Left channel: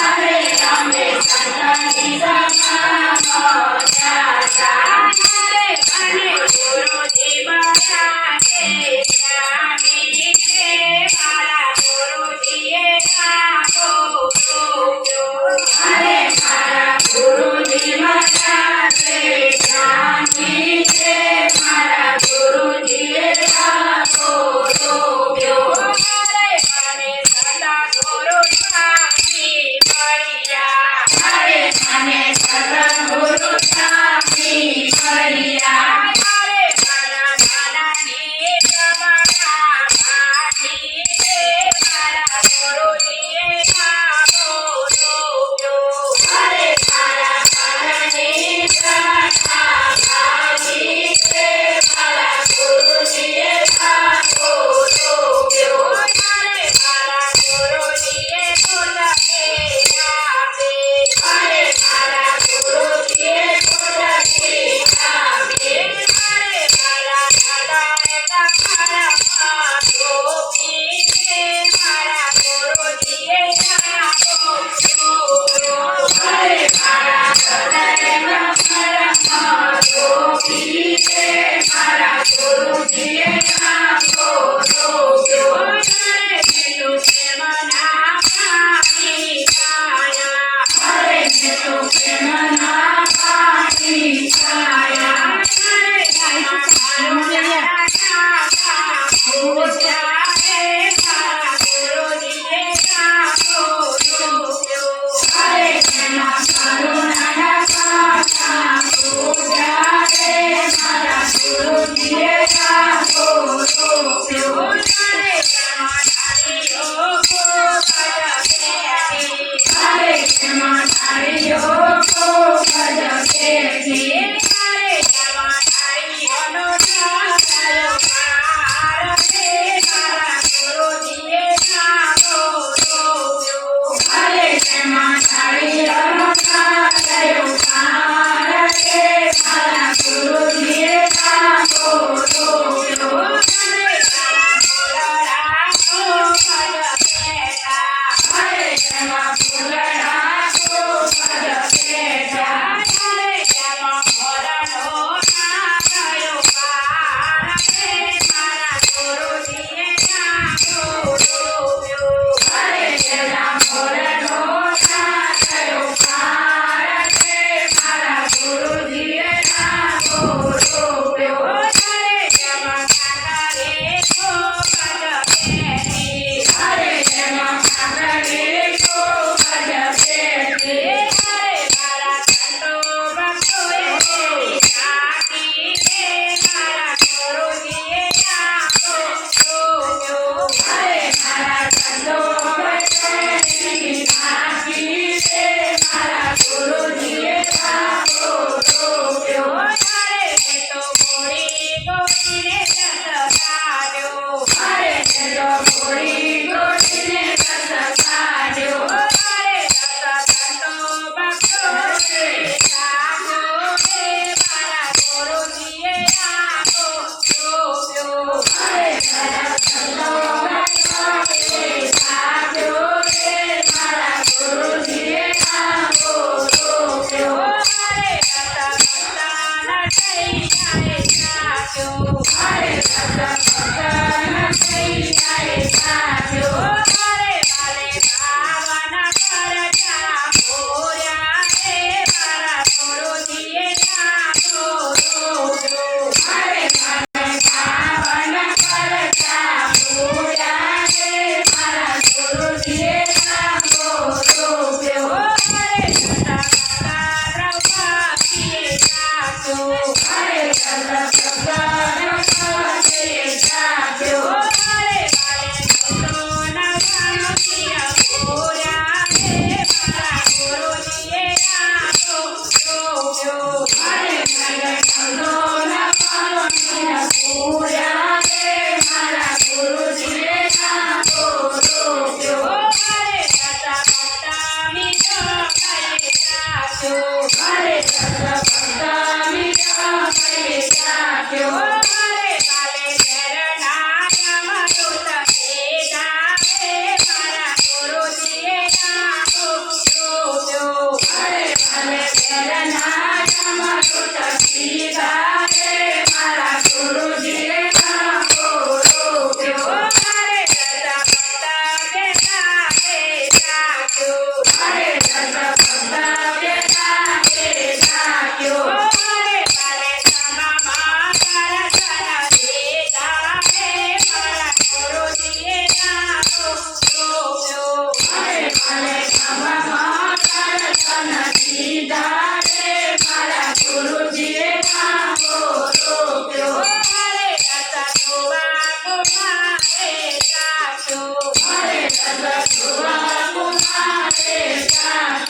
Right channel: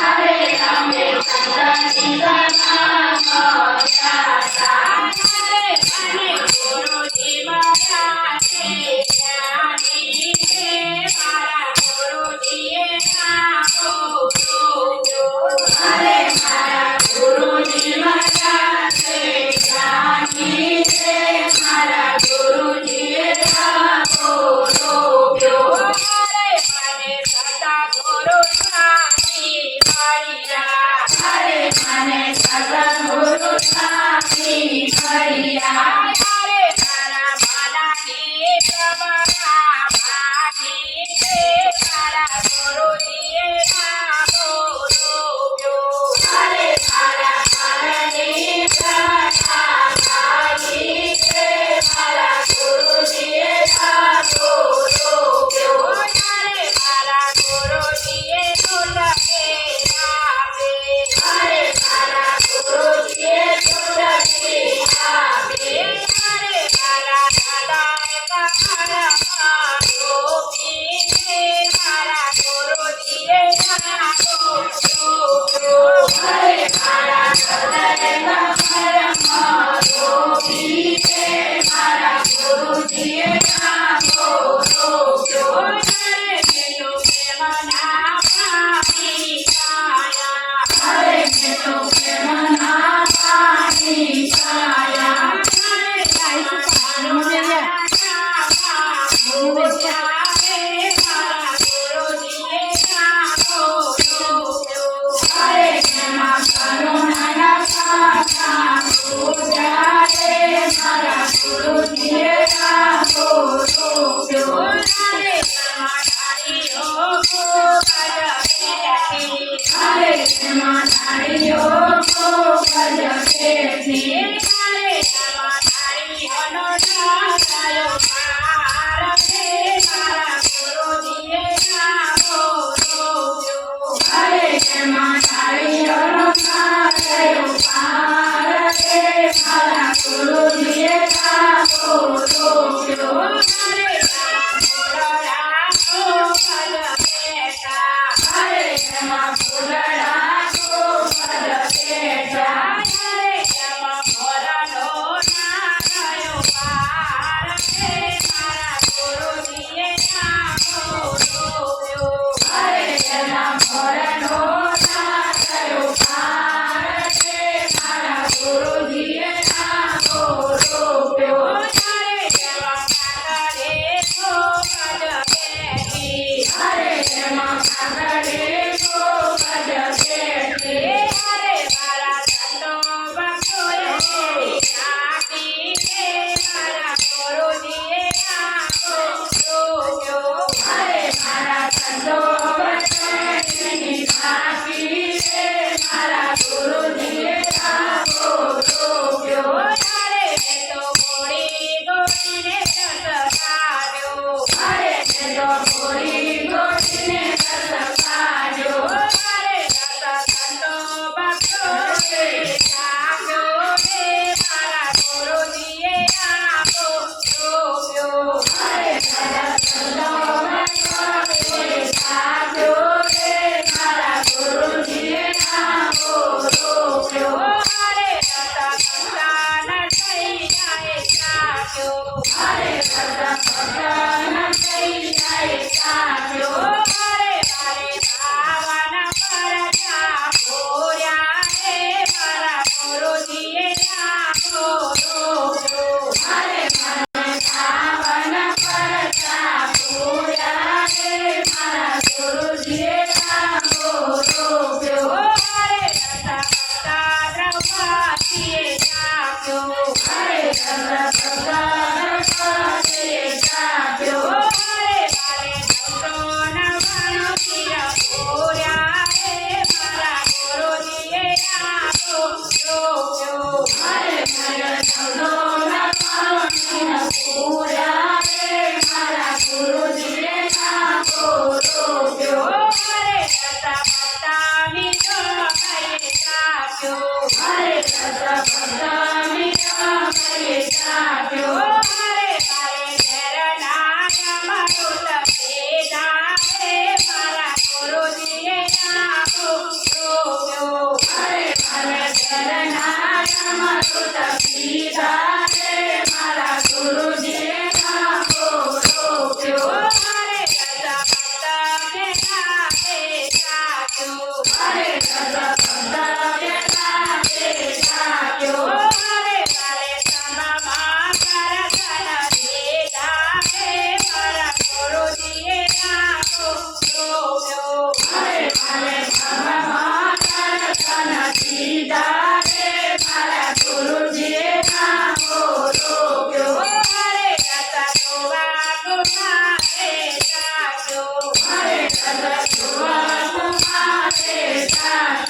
અરે અમે સંતની સભા મોટા અને ગુરુજી મારા છે જ્ઞાની છે મારા ગુરુજીએ આપો અરે મારા ગુરુજી મારા છે જ્ઞાની છે મારા ગુરુજીએ આપો અરે મને સદા ગુરુ સ્વામી મળ્યા અરે મને સદા ગુરુ સ્વામી મળ્યા અરે મારા માનાની પ્રમાણા ભાટી છે મારા ગુરુજીએ આપો અરે મારા માનાની પ્રમાણા ભાટી છે મારા ગુરુજીએ આપો અરે મારા ગુરુજીએ દુર્લભે આપે અરે મારા ગુરુજીએ દુર્લભે આપે અરે મારા દાદાએ કમરમાં ગોપી છે મારા ગુરુજીએ આપો અરે મારા દાદાએ કમરમાં ગોપી છે મારા ગુરુજીએ આપો સદગુરુ તમારે